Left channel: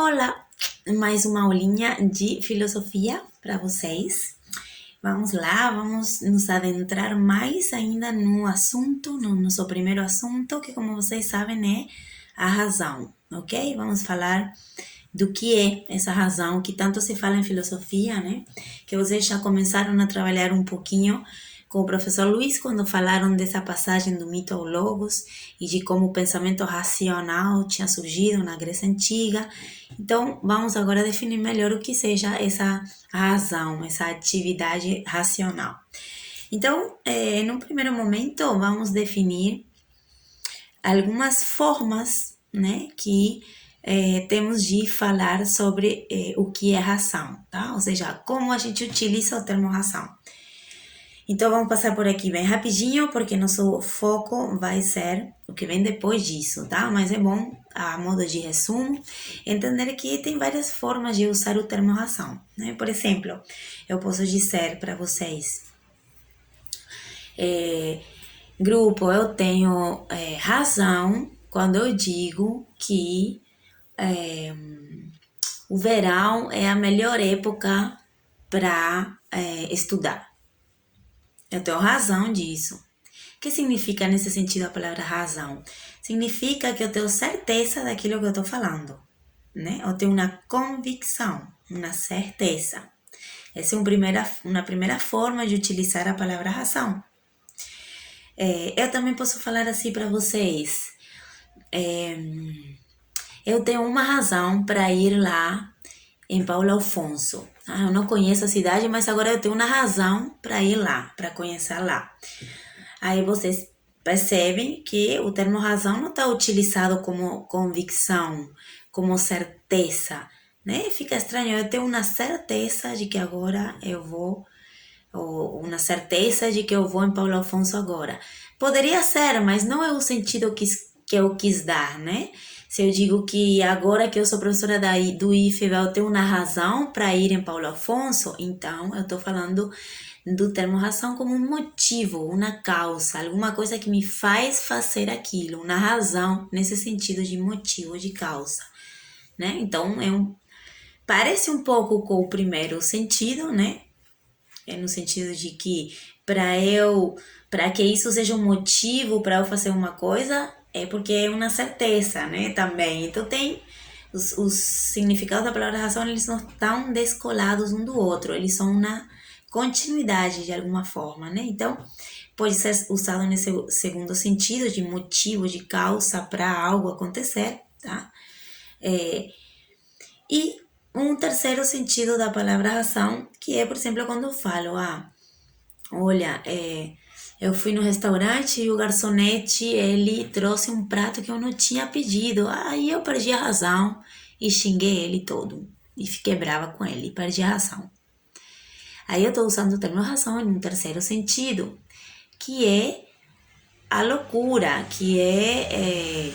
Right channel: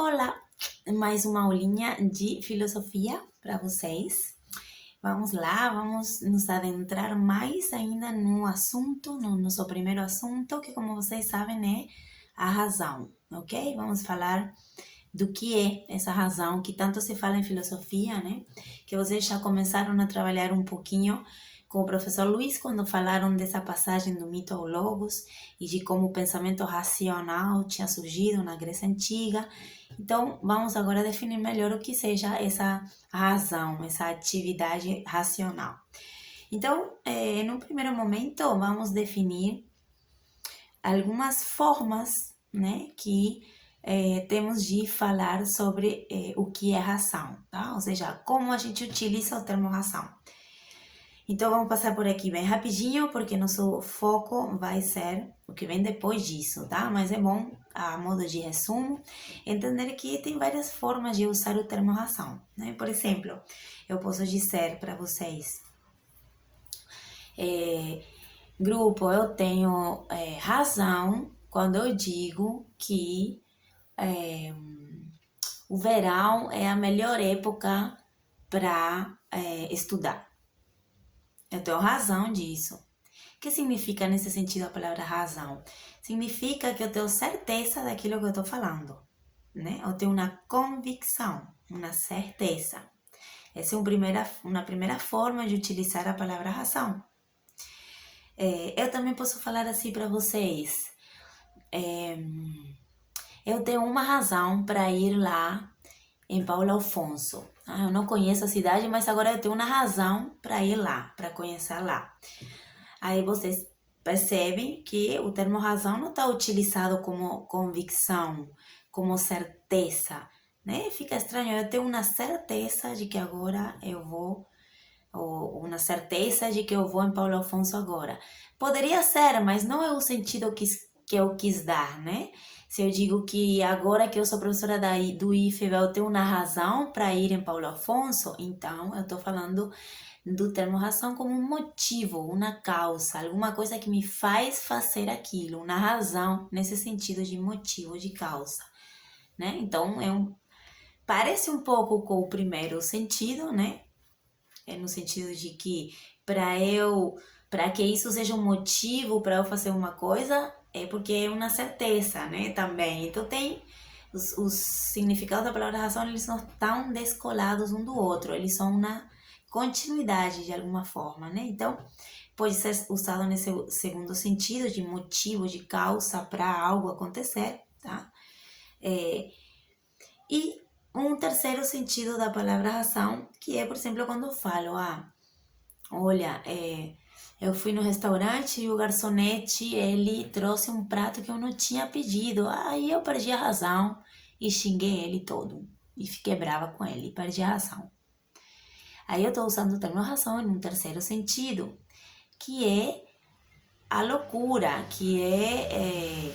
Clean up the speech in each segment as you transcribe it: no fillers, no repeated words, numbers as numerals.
Olá, mais uma aulinha de filosofia para vocês. Vamos lá, vamos nos adentrar mais ainda no assunto, no nosso primeiro assunto, que como vocês sabem é a razão, ok? Vamos falar do que é essa razão que tanto se fala em filosofia, né? Que vocês já começaram a trabalhar um pouquinho com o professor Luiz quando falaram dessa passagem do mito ao logos e de como o pensamento racional tinha surgido na Grécia Antiga. Então, vamos agora definir melhor o que seja essa razão, essa atividade racional. Então, no primeiro momento, vamos definir algumas formas, né, que temos de falar sobre o que é razão, tá? Ou seja, como a gente utiliza o termo razão. Então vamos passar por aqui bem rapidinho, porque nosso foco vai ser o que vem depois disso, tá? Mas é bom, a modo de resumo, entender que tem várias formas de usar o termo razão, né? Por exemplo, eu posso dizer para vocês, grupo, eu tenho razão quando eu digo que o verão é a melhor época para estudar. Eu tenho razão disso. O que significa nesse sentido a palavra razão? Significa que eu tenho certeza daquilo que eu estou falando, né? Eu tenho uma convicção, uma certeza. Essa é uma primeira forma de utilizar a palavra razão. Eu também posso falar assim para vocês. Eu tenho uma razão para ir lá em Paulo Afonso. Eu não conheço a cidade, mas agora eu tenho uma razão para ir lá, para conhecer lá. Aí vocês percebem que o termo razão não está utilizado como convicção, como certeza, né? Fica estranho, eu tenho uma certeza de que agora eu vou, ou uma certeza de que eu vou em Paulo Afonso agora. Poderia ser, mas não é o sentido que eu quis dar, né? Se eu digo que agora que eu sou professora do IFEB, eu tenho uma razão para ir em Paulo Afonso, então eu estou falando do termo razão como um motivo, uma causa, alguma coisa que me faz fazer aquilo, uma razão nesse sentido de motivo, de causa, né? Então, parece um pouco com o primeiro sentido, né? É no sentido de que para que isso seja um motivo para eu fazer uma coisa, é porque é uma certeza, né? Também. Então tem os significados da palavra razão, eles não estão descolados um do outro, eles são uma continuidade de alguma forma, né? Então pode ser usado nesse segundo sentido de motivo, de causa para algo acontecer, tá? E um terceiro sentido da palavra razão, que é, por exemplo, quando eu falo, olha, eu fui no restaurante e o garçonete, ele trouxe um prato que eu não tinha pedido. Aí eu perdi a razão e xinguei ele todo. E fiquei brava com ele, perdi a razão. Aí eu estou usando o termo razão em um terceiro sentido, que é a loucura, que é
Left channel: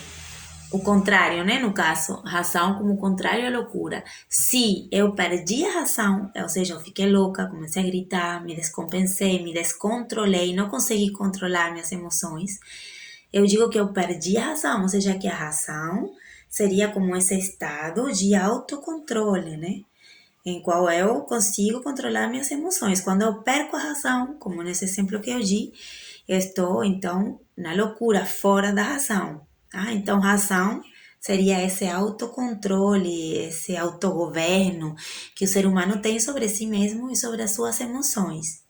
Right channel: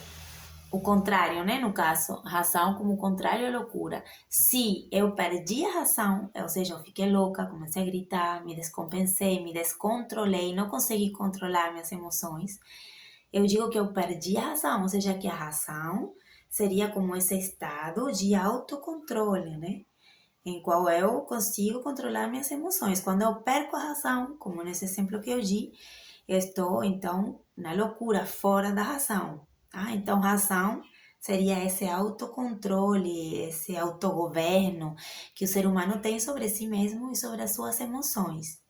o contrário, né? No caso, razão como contrário à loucura. Se eu perdi a razão, ou seja, eu fiquei louca, comecei a gritar, me descompensei, me descontrolei, não consegui controlar minhas emoções, eu digo que eu perdi a razão, ou seja, que a razão seria como esse estado de autocontrole, né? Em qual eu consigo controlar minhas emoções. Quando eu perco a razão, como nesse exemplo que eu di, eu estou, então, na loucura, fora da razão. Então, razão seria esse autocontrole, esse autogoverno que o ser humano tem sobre si mesmo e sobre as suas emoções.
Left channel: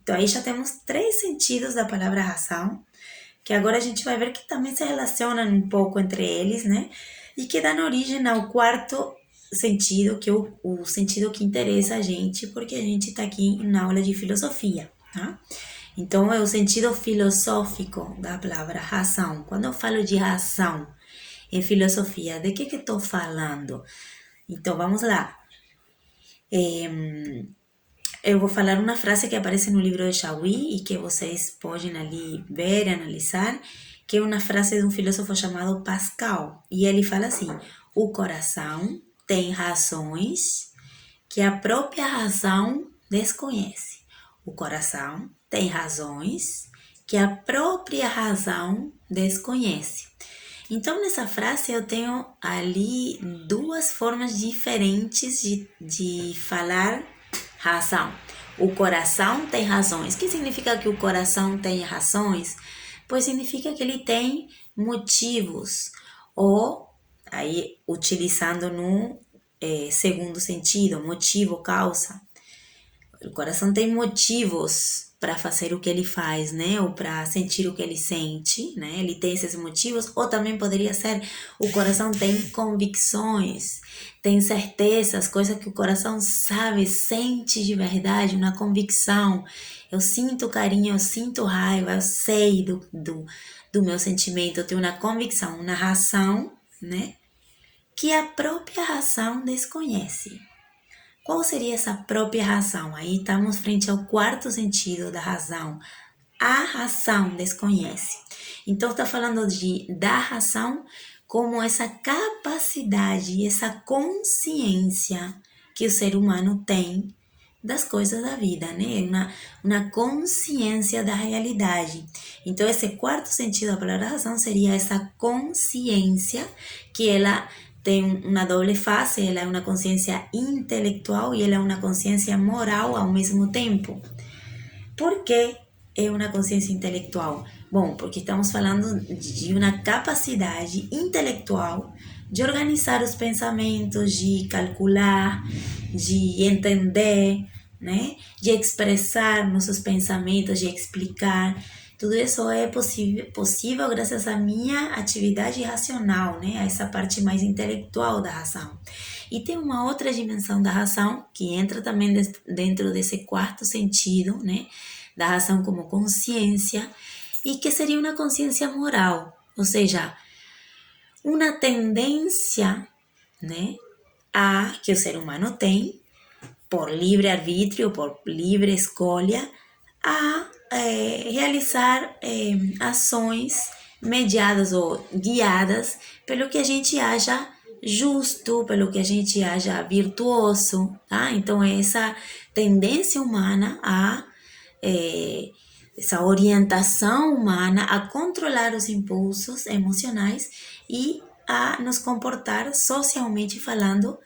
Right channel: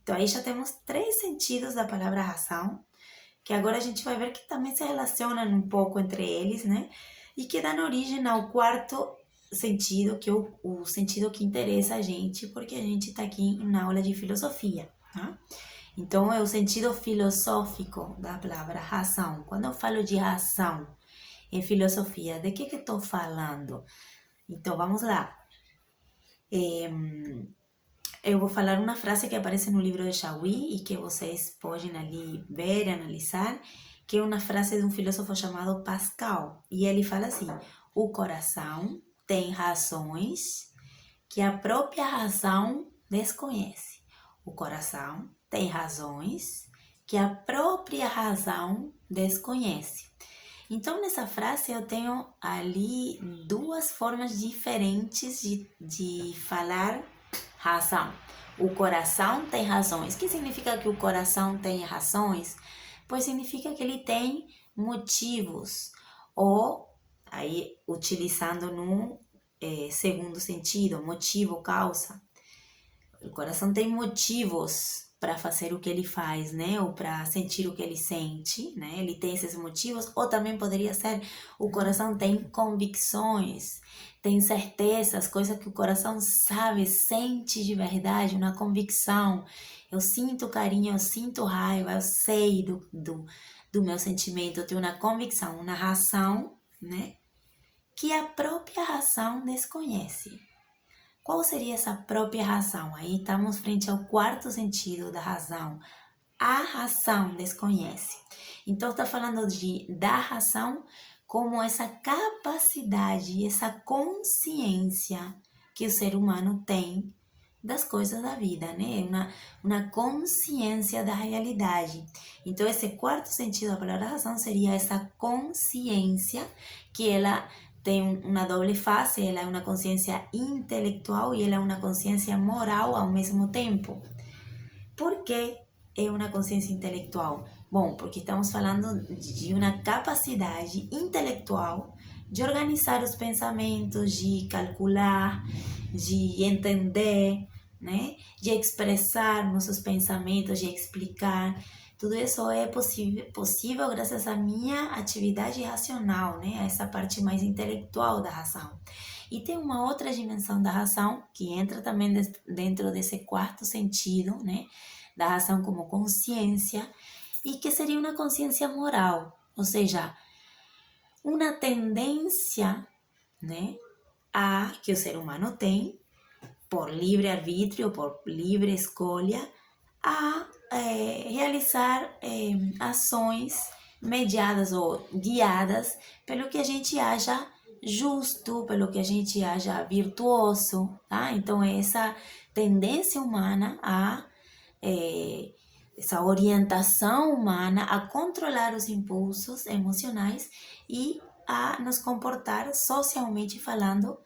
Então, aí já temos três sentidos da palavra razão, que agora a gente vai ver que também se relacionam um pouco entre eles, né? E que dão origem ao quarto sentido, que é o sentido que interessa a gente, porque a gente está aqui na aula de filosofia, tá? Então, é o sentido filosófico da palavra razão. Quando eu falo de razão em filosofia, de que estou falando? Então, vamos lá. Eu vou falar uma frase que aparece no livro de Chauí e que vocês podem ali ver e analisar, que é uma frase de um filósofo chamado Pascal. E ele fala assim: o coração tem razões que a própria razão desconhece. O coração tem razões que a própria razão desconhece. Então, nessa frase, eu tenho ali duas formas diferentes de falar razão. O coração tem razões. O que significa que o coração tem razões? Pois significa que ele tem motivos. Ou, aí, utilizando no segundo sentido, motivo, causa. O coração tem motivos para fazer o que ele faz, né? Ou para sentir o que ele sente, né? Ele tem esses motivos. Ou também poderia ser o coração tem convicções, tem certezas, coisas que o coração sabe, sente de verdade, uma convicção. Eu sinto carinho, eu sinto raiva, eu sei do meu sentimento, eu tenho uma convicção, uma razão, né? Que a própria razão desconhece. Qual seria essa própria razão? Aí estamos frente ao quarto sentido da razão. A razão desconhece. Então está falando da razão como essa capacidade, essa consciência que o ser humano tem das coisas da vida, né? Uma consciência da realidade. Então esse quarto sentido da palavra razão seria essa consciência que ela tem uma doble face, ela é uma consciência intelectual e ela é uma consciência moral ao mesmo tempo. Por que é uma consciência intelectual? Bom, porque estamos falando de uma capacidade intelectual de organizar os pensamentos, de calcular, de entender, né? De expressar nossos pensamentos, de explicar. Tudo isso é possível graças à minha atividade racional, né? A essa parte mais intelectual da razão. E tem uma outra dimensão da razão que entra também dentro desse quarto sentido, né? Da razão como consciência, e que seria uma consciência moral, ou seja, uma tendência, né? Que o ser humano tem, por livre arbítrio, por livre escolha, a realizar ações mediadas ou guiadas pelo que a gente acha justo, pelo que a gente acha virtuoso, tá? Então, é essa tendência humana essa orientação humana a controlar os impulsos emocionais e a nos comportar socialmente falando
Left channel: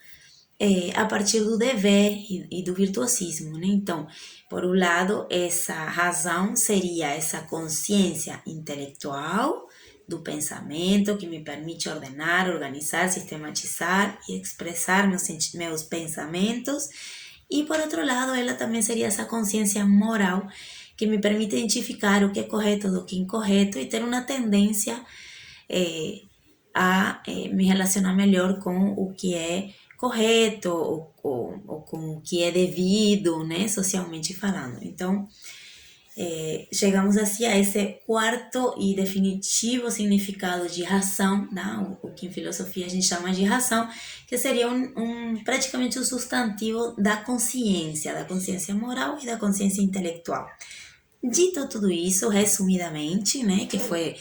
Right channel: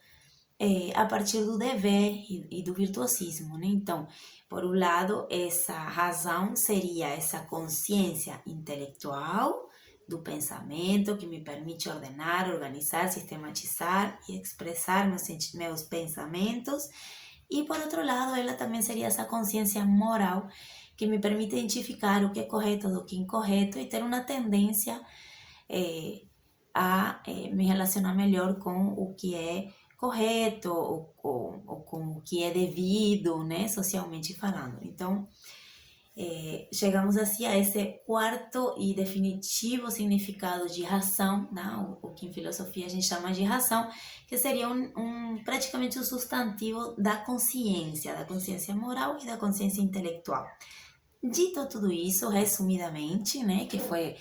a partir do dever e do virtuosismo, né? Então, por um lado, essa razão seria essa consciência intelectual do pensamento que me permite ordenar, organizar, sistematizar e expressar meus pensamentos. E por outro lado, ela também seria essa consciência moral que me permite identificar o que é correto do que é incorreto e ter uma tendência a me relacionar melhor com o que é correto ou com o que é devido, né, socialmente falando. Então, chegamos assim a esse quarto e definitivo significado de razão, né? O que em filosofia a gente chama de razão, que seria praticamente um substantivo da consciência moral e da consciência intelectual. Dito tudo isso, resumidamente, né, que foi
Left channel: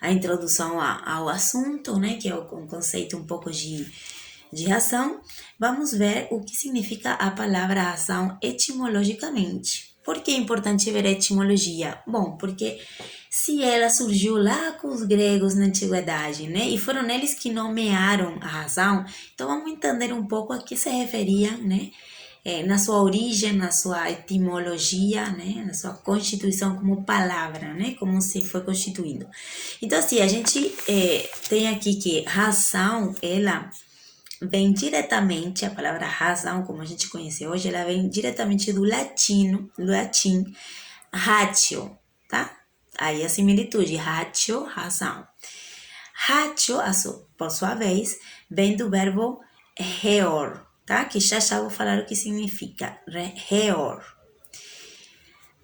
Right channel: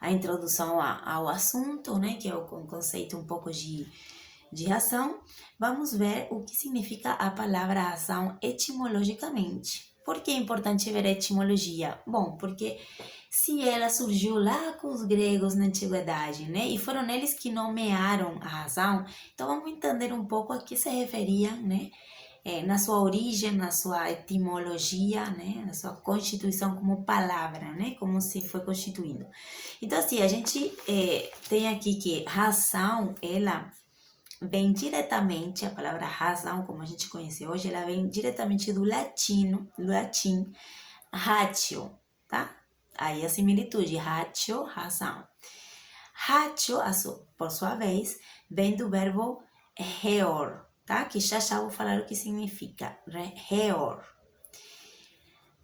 a introdução ao assunto, né, que é um conceito um pouco de razão, vamos ver o que significa a palavra razão etimologicamente. Por que é importante ver a etimologia? Bom, porque se ela surgiu lá com os gregos na antiguidade, né, e foram eles que nomearam a razão, então vamos entender um pouco a que se referia, né, na sua origem, na sua etimologia, né, na sua constituição como palavra, né, como se foi constituindo. Então, assim, a gente tem aqui que razão, ela vem diretamente, a palavra razão, como a gente conhece hoje, ela vem diretamente do latim ratio, tá? Aí a similitude, ratio, razão. Ratio, por sua vez, vem do verbo reor, tá? Que já vou falar o que significa, reor.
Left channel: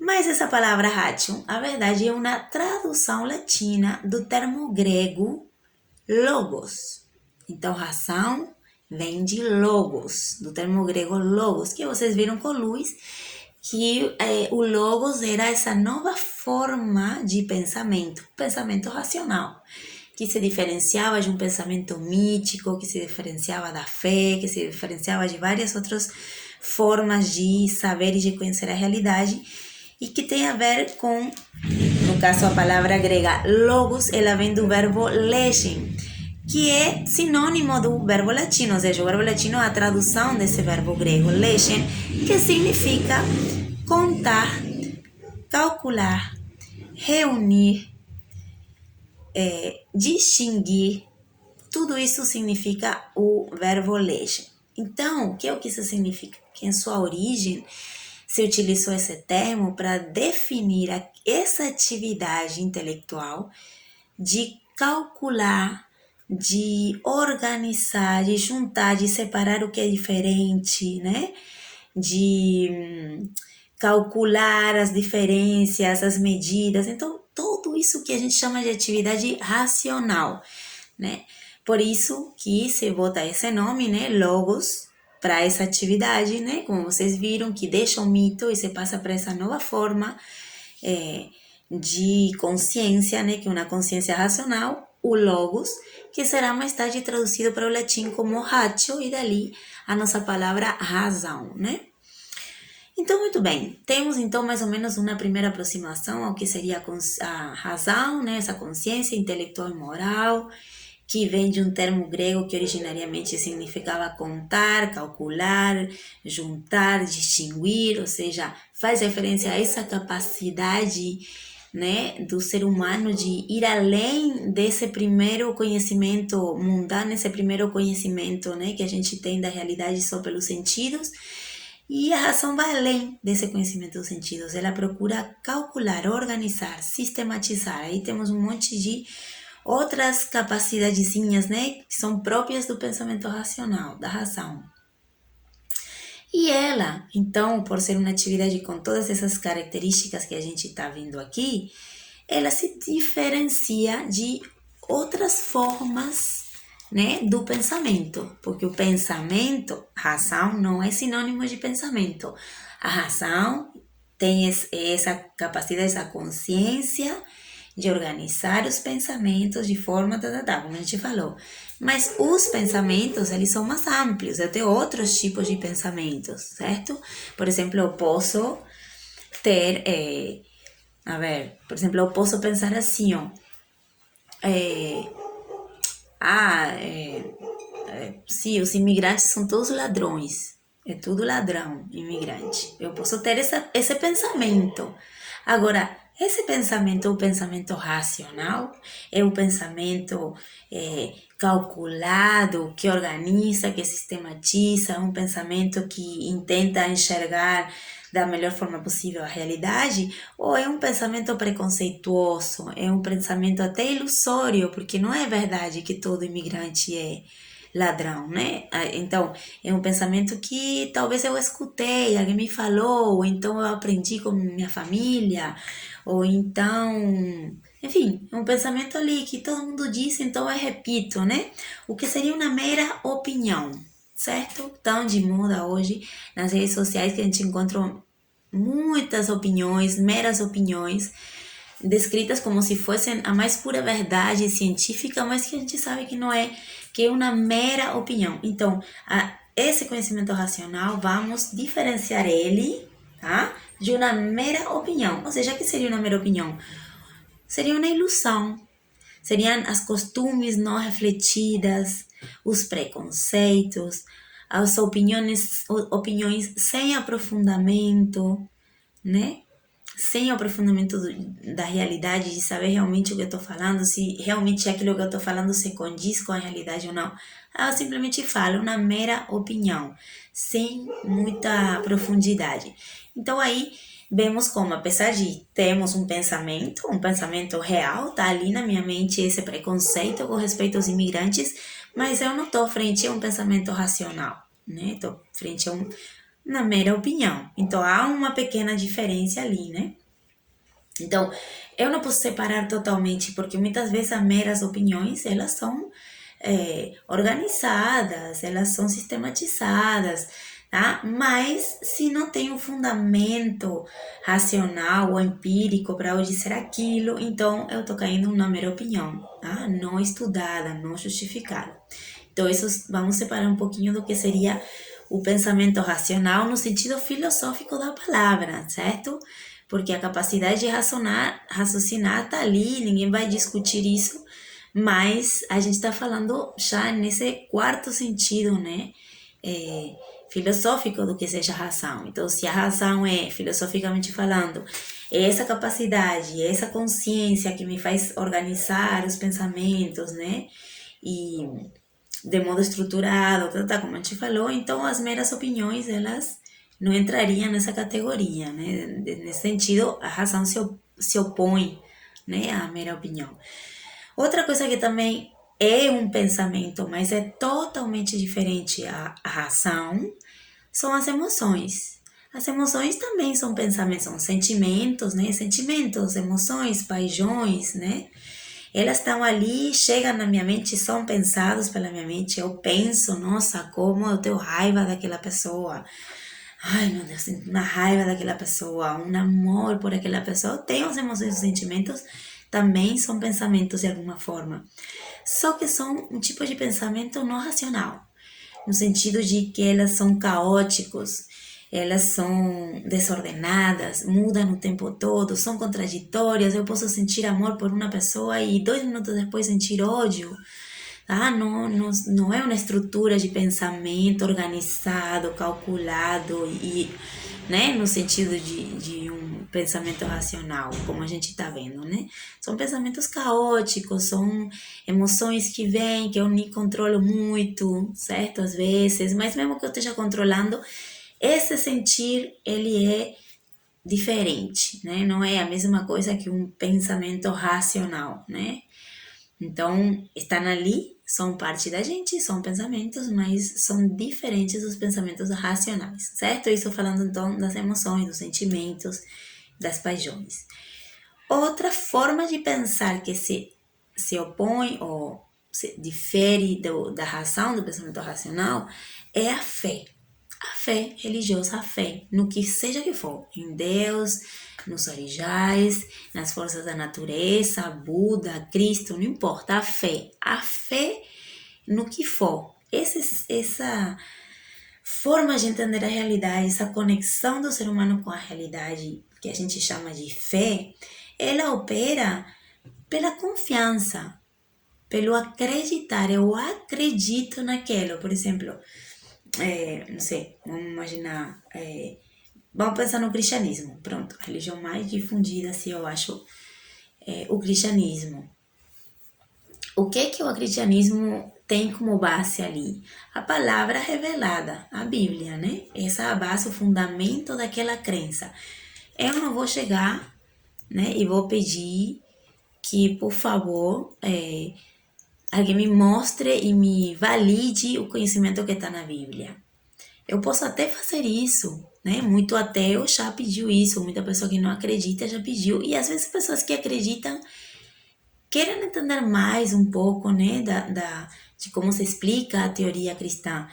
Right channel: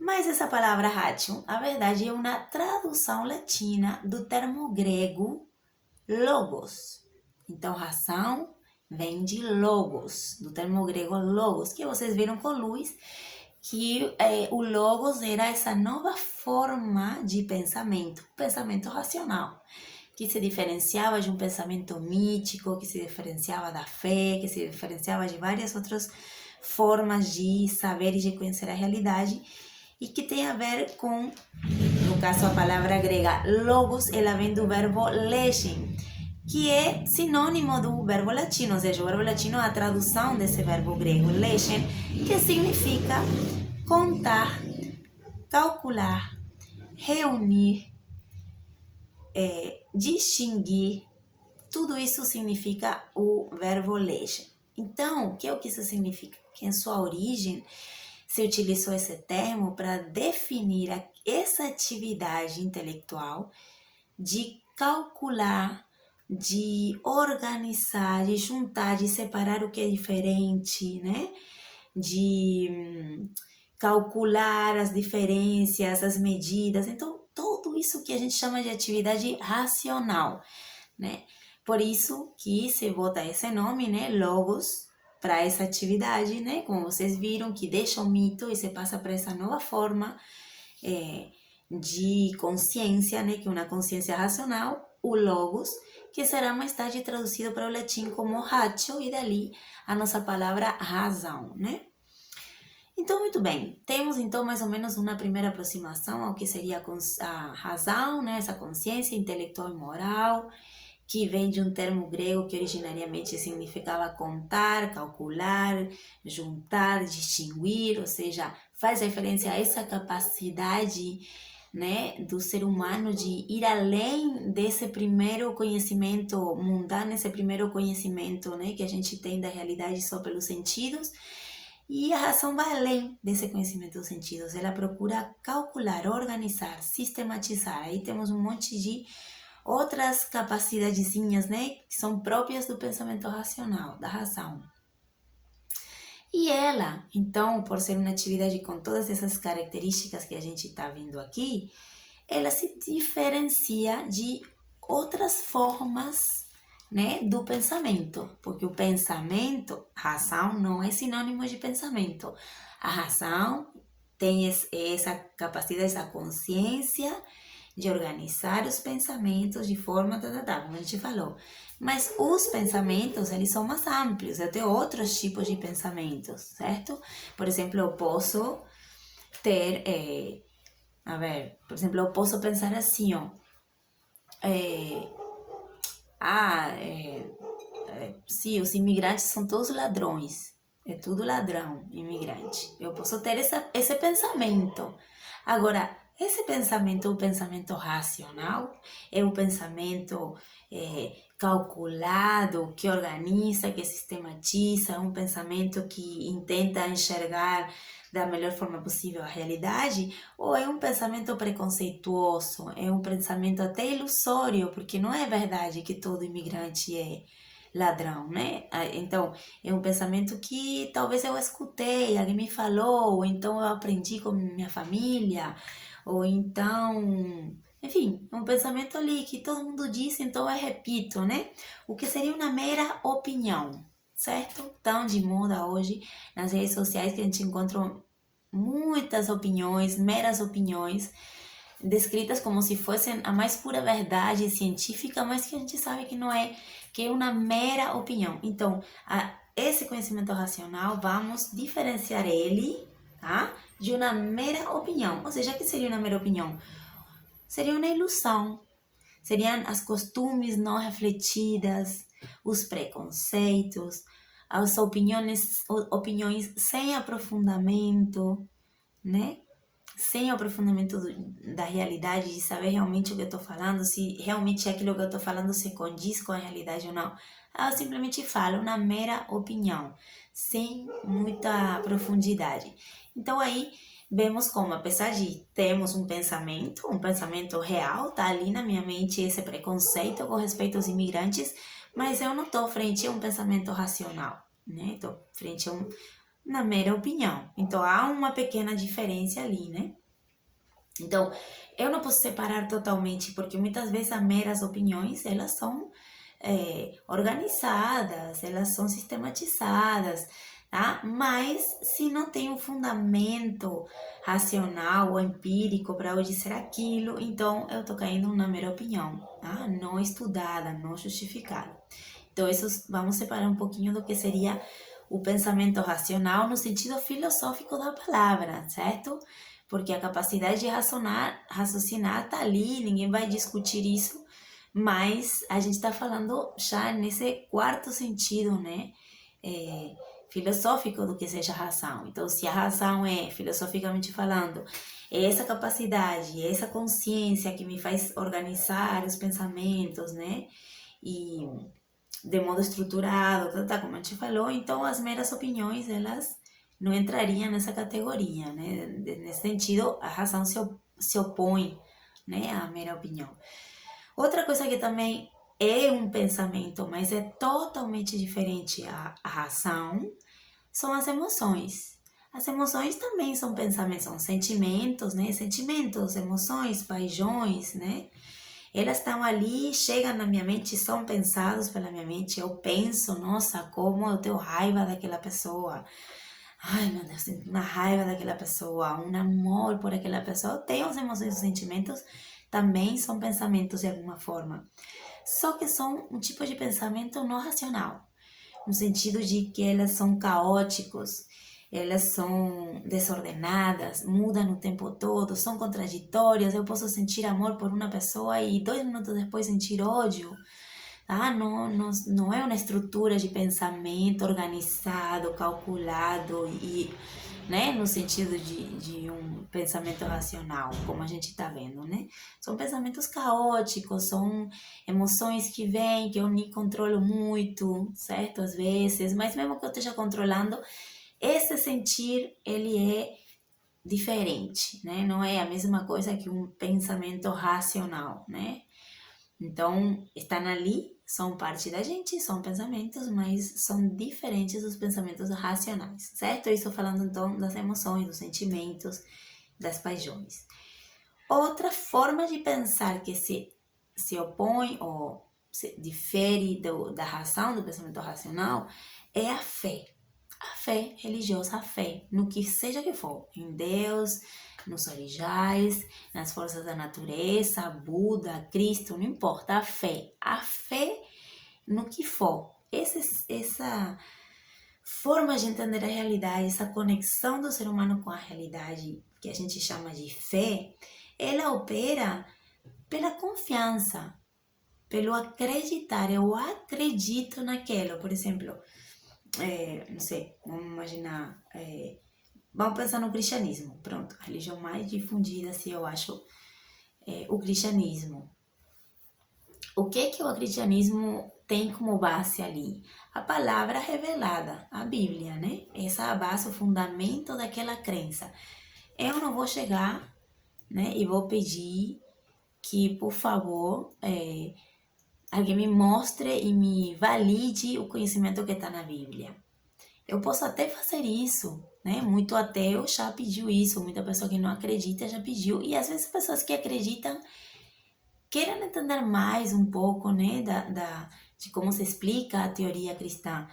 Mas essa palavra ratio, a verdade, é uma tradução latina do termo grego logos. Então, razão vem de logos, do termo grego logos, que vocês viram com Luiz, que o logos era essa nova forma de pensamento racional, que se diferenciava de um pensamento mítico, que se diferenciava da fé, que se diferenciava de várias outras formas de saber e de conhecer a realidade, e que tem a ver com, no caso, a palavra grega logos, ela vem do verbo legem, que é sinônimo do verbo latino, ou seja, o verbo latino é a tradução desse verbo grego, lechen, que significa contar, calcular, reunir, distinguir. Tudo isso significa o verbo lechen. Então, o que é que isso significa? Que em sua origem se utilizou esse termo para definir essa atividade intelectual de calcular, de organizar, de juntar, de separar o que é diferente, né? De calcular as diferenças, as medidas. Então, tudo isso que a gente chama de atividade racional, né? Por isso que se bota esse nome, né? Logos, para essa atividade, né? Como vocês viram, que deixa o mito e se passa para essa nova forma de consciência, né? Que é uma consciência racional, o logos, que será mais tarde traduzido para o latim como ratio, e dali a nossa palavra razão, né? Então, muito bem, temos então mais ou menos uma primeira aproximação ao que seria a razão, né? Essa consciência intelectual e moral, que vem de um termo grego que originariamente significava contar, calcular, juntar, distinguir, ou seja, faz referência a essa capacidade, né, do ser humano de ir além desse primeiro conhecimento mundano, esse primeiro conhecimento, né, que a gente tem da realidade só pelos sentidos. E a razão vai além desse conhecimento dos sentidos. Ela procura calcular, organizar, sistematizar. Aí temos um monte de outras capacidadezinhas, né, que são próprias do pensamento racional, da razão. E ela, então, por ser uma atividade com todas essas características que a gente está vendo aqui, ela se diferencia de outras formas, né, do pensamento, porque o pensamento, razão, não é sinônimo de pensamento. A razão tem essa capacidade, essa consciência de organizar os pensamentos de forma, como a gente falou. Mas os pensamentos, eles são mais amplos, eu tenho outros tipos de pensamentos, certo? Por exemplo, eu posso ter, por exemplo, eu posso pensar assim, ó, sim, os imigrantes são todos ladrões, é tudo ladrão, imigrante. Eu posso ter esse pensamento. Agora, esse pensamento é o pensamento racional, é o pensamento calculado, que organiza, que sistematiza, é um pensamento que intenta enxergar da melhor forma possível a realidade, ou é um pensamento preconceituoso, é um pensamento até ilusório, porque não é verdade que todo imigrante é ladrão, né? Então, é um pensamento que talvez eu escutei, alguém me falou, ou então eu aprendi com minha família, ou então, enfim, é um pensamento ali que todo mundo diz, então eu repito, né? O que seria uma mera opinião, certo? Tão de moda hoje nas redes sociais que a gente encontra muitas opiniões, meras opiniões, descritas como se fossem a mais pura verdade científica, mas que a gente sabe que não é, que é uma mera opinião. Então, esse conhecimento racional, vamos diferenciar ele, tá? De uma mera opinião. Ou seja, o que seria uma mera opinião? Seria uma ilusão. Seriam as costumes não refletidas, os preconceitos, as opiniões sem aprofundamento, né? Sem aprofundamento da realidade, de saber realmente o que eu estou falando, se realmente aquilo que eu estou falando se condiz com a realidade ou não. Eu simplesmente falo uma mera opinião, sem muita profundidade. Então aí vemos como, apesar de termos um pensamento real, tá ali na minha mente esse preconceito com respeito aos imigrantes, mas eu não estou frente a um pensamento racional, né? Estou frente a uma mera opinião. Então há uma pequena diferença ali, né? Então, eu não posso separar totalmente, porque muitas vezes as meras opiniões, elas são organizadas, elas são sistematizadas, tá? Mas se não tem um fundamento racional ou empírico para eu dizer aquilo, então eu tô caindo numa mera opinião, tá? Não estudada, não justificada. Então, isso vamos separar um pouquinho do que seria o pensamento racional no sentido filosófico da palavra, certo? Porque a capacidade de raciocinar está ali, ninguém vai discutir isso, Mas a gente está falando já nesse quarto sentido, né? Filosófico do que seja a razão. Então, se a razão é, filosoficamente falando, é essa capacidade, é essa consciência que me faz organizar os pensamentos, né? E de modo estruturado, como a gente falou, então as meras opiniões, elas não entrariam nessa categoria, né? Nesse sentido, a razão se opõe, né, à mera opinião. Outra coisa que também é um pensamento, mas é totalmente diferente à razão, são as emoções. As emoções também são pensamentos, são sentimentos, né? Sentimentos, emoções, paixões, né? Elas estão ali, chegam na minha mente, são pensados pela minha mente. Eu penso, nossa, como eu tenho raiva daquela pessoa. Ai, meu Deus, sinto uma raiva daquela pessoa, um amor por aquela pessoa. Eu tenho as emoções e sentimentos, também são pensamentos de alguma forma. Só que são um tipo de pensamento não racional, no sentido de que elas são caóticos, elas são desordenadas, mudam o tempo todo, são contraditórias. Eu posso sentir amor por uma pessoa e 2 minutos depois sentir ódio. Não é uma estrutura de pensamento organizado, calculado e, né, no sentido de um pensamento racional, como a gente está vendo, né? São pensamentos caóticos, são emoções que vêm, que eu nem controlo muito, certo? Às vezes, mas mesmo que eu esteja controlando, esse sentir, ele é diferente, né? Não é a mesma coisa que um pensamento racional, né? Então, estão ali, são parte da gente, são pensamentos, mas são diferentes dos pensamentos racionais, certo? Isso falando então das emoções, dos sentimentos, das paixões. Outra forma de pensar que se opõe ou se difere da razão, do pensamento racional, é a fé. A fé religiosa, a fé no que seja que for, em Deus, nos orixás, nas forças da natureza, Buda, Cristo, não importa, a fé no que for. Essa forma de entender a realidade, essa conexão do ser humano com a realidade, que a gente chama de fé, ela opera pela confiança, pelo acreditar. Eu acredito naquilo. Por exemplo, não sei, vamos imaginar, vamos pensar no cristianismo. Pronto, a religião mais difundida, assim, eu acho, é o cristianismo. O que o cristianismo tem como base ali? A palavra revelada, a Bíblia, né? Essa é a base, o fundamento daquela crença. Eu não vou chegar, né, e vou pedir que, por favor, alguém me mostre e me valide o conhecimento que está na Bíblia. Eu posso até fazer isso, né? Muito ateu já pediu isso, muita pessoa que não acredita já pediu. E às vezes pessoas que acreditam querem entender mais um pouco, né, de como se explica a teoria cristã.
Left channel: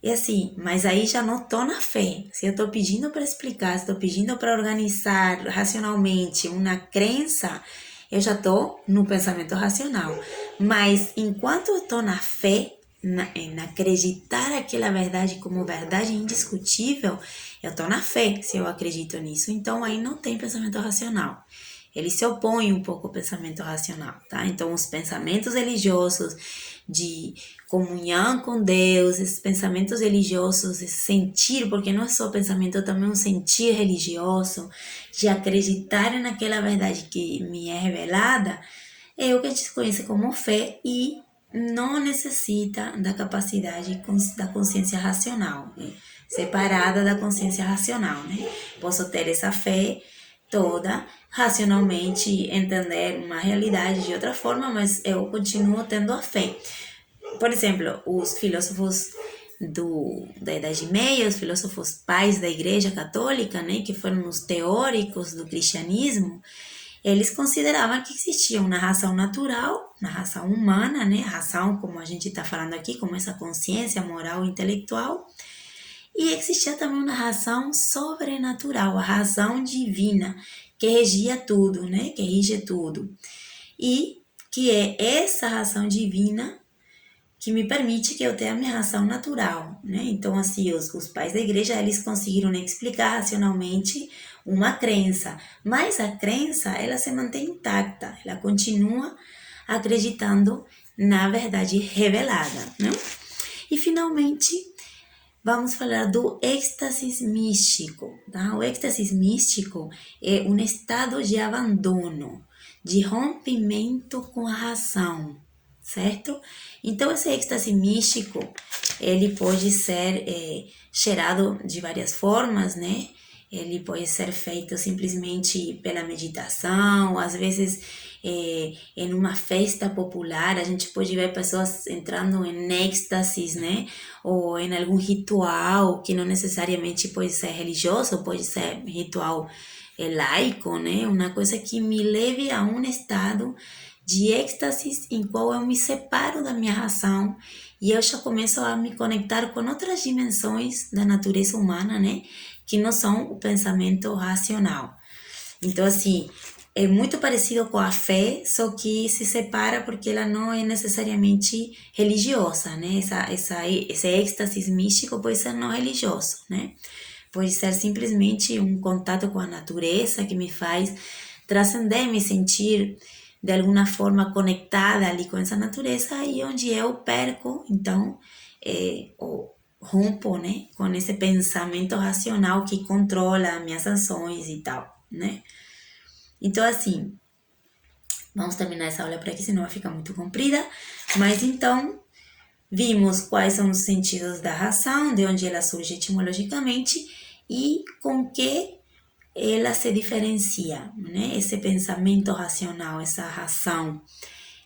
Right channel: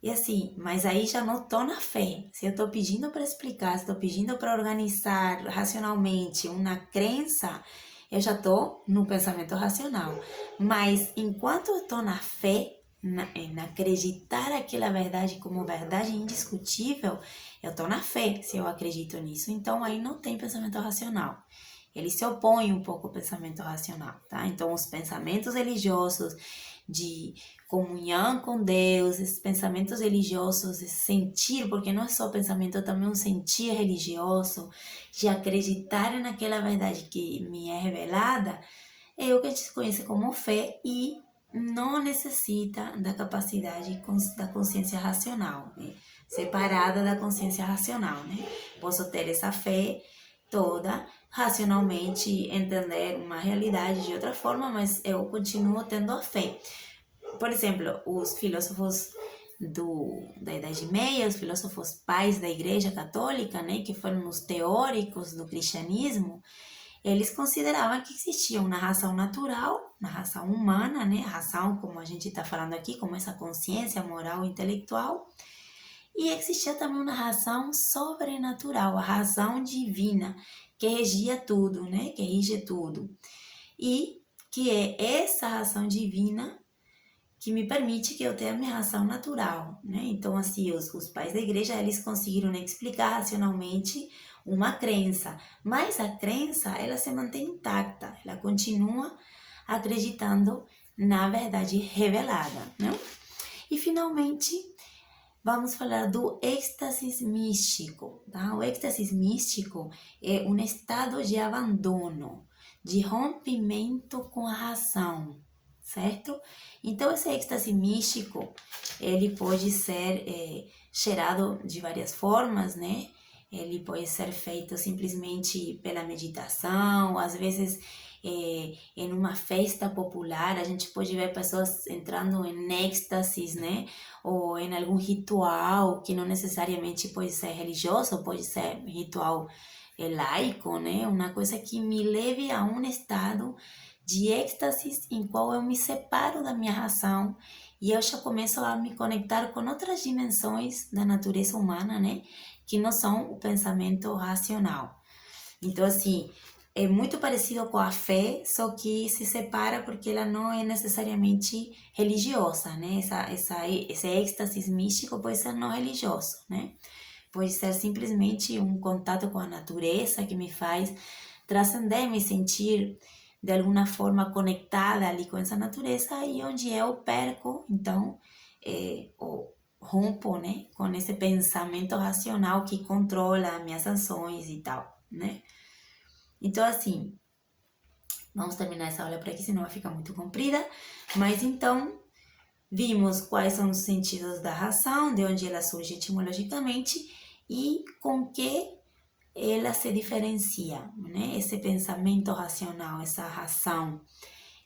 E assim, mas aí já não estou na fé. Se eu estou pedindo para explicar, se estou pedindo para organizar racionalmente uma crença, eu já estou no pensamento racional. Mas enquanto eu estou na fé, em acreditar aquela verdade como verdade indiscutível, eu estou na fé se eu acredito nisso. Então aí não tem pensamento racional. Ele se opõe um pouco ao pensamento racional, tá? Então os pensamentos religiosos de comunhão com Deus, esses pensamentos religiosos, esse sentir, porque não é só pensamento, é também um sentir religioso, de acreditar naquela verdade que me é revelada, é o que a gente conhece como fé e não necessita da capacidade da consciência racional, né? Separada da consciência racional, né? Posso ter essa fé toda, racionalmente entender uma realidade de outra forma, mas eu continuo tendo a fé. Por exemplo, os filósofos da Idade Média, os filósofos pais da Igreja Católica, né, que foram os teóricos do cristianismo, eles consideravam que existia uma razão natural, uma razão humana, né, a razão como a gente está falando aqui, como essa consciência moral e intelectual, e existia também uma razão sobrenatural, a razão divina, que regia tudo, né, que rige tudo, e que é essa razão divina que me permite que eu tenha a minha razão natural, né? Então, assim, os pais da igreja, eles conseguiram explicar racionalmente uma crença, mas a crença, ela se mantém intacta, ela continua acreditando na verdade revelada, né? E finalmente, vamos falar do êxtase místico, tá? O êxtase místico é um estado de abandono, de rompimento com a razão, certo? Então, esse êxtase místico, ele pode ser gerado de várias formas, né? Ele pode ser feito simplesmente pela meditação, às vezes em uma festa popular, a gente pode ver pessoas entrando em êxtases, né? Ou em algum ritual que não necessariamente pode ser religioso, pode ser ritual laico, né? Uma coisa que me leve a um estado de êxtase em qual eu me separo da minha razão e eu já começo a me conectar com outras dimensões da natureza humana, né? Que não são o pensamento racional. Então, assim, é muito parecido com a fé, só que se separa porque ela não é necessariamente religiosa, né? Esse êxtase místico pode ser não religioso, né? Pode ser simplesmente um contato com a natureza que me faz transcender, me sentir de alguma forma conectada ali com essa natureza e onde eu perco, então, ou rompo, né? Com esse pensamento racional que controla minhas ações e tal, né? Então, assim, vamos terminar essa aula por aqui, senão vai ficar muito comprida. Mas então, vimos quais são os sentidos da razão, de onde ela surge etimologicamente e com que ela se diferencia, né? Esse pensamento racional, essa razão,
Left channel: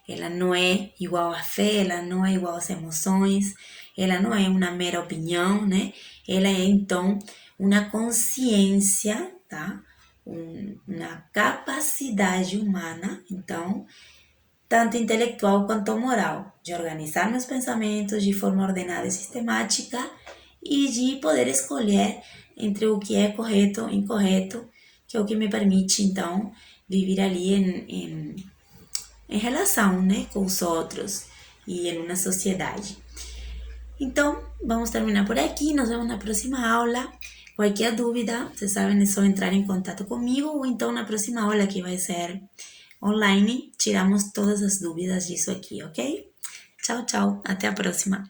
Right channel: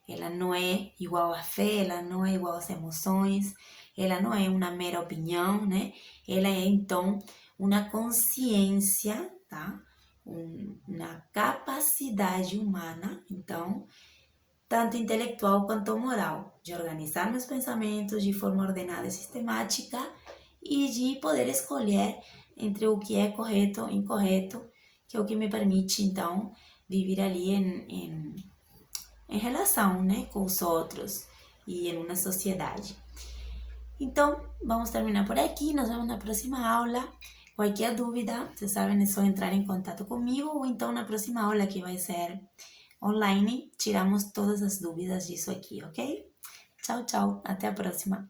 ela não é igual à fé, ela não é igual às emoções, ela não é uma mera opinião, né? Ela é, então, uma consciência, tá? Uma capacidade humana, então, tanto intelectual quanto moral, de organizar meus pensamentos de forma ordenada e sistemática e de poder escolher entre o que é correto e incorreto, que é o que me permite, então, viver ali em relação, né, com os outros e em uma sociedade. Então, vamos terminar por aqui, nos vemos na próxima aula. Qualquer dúvida, vocês sabem, é só entrar em contato comigo ou então na próxima aula que vai ser online, tiramos todas as dúvidas disso aqui, ok? Tchau, tchau, até a próxima.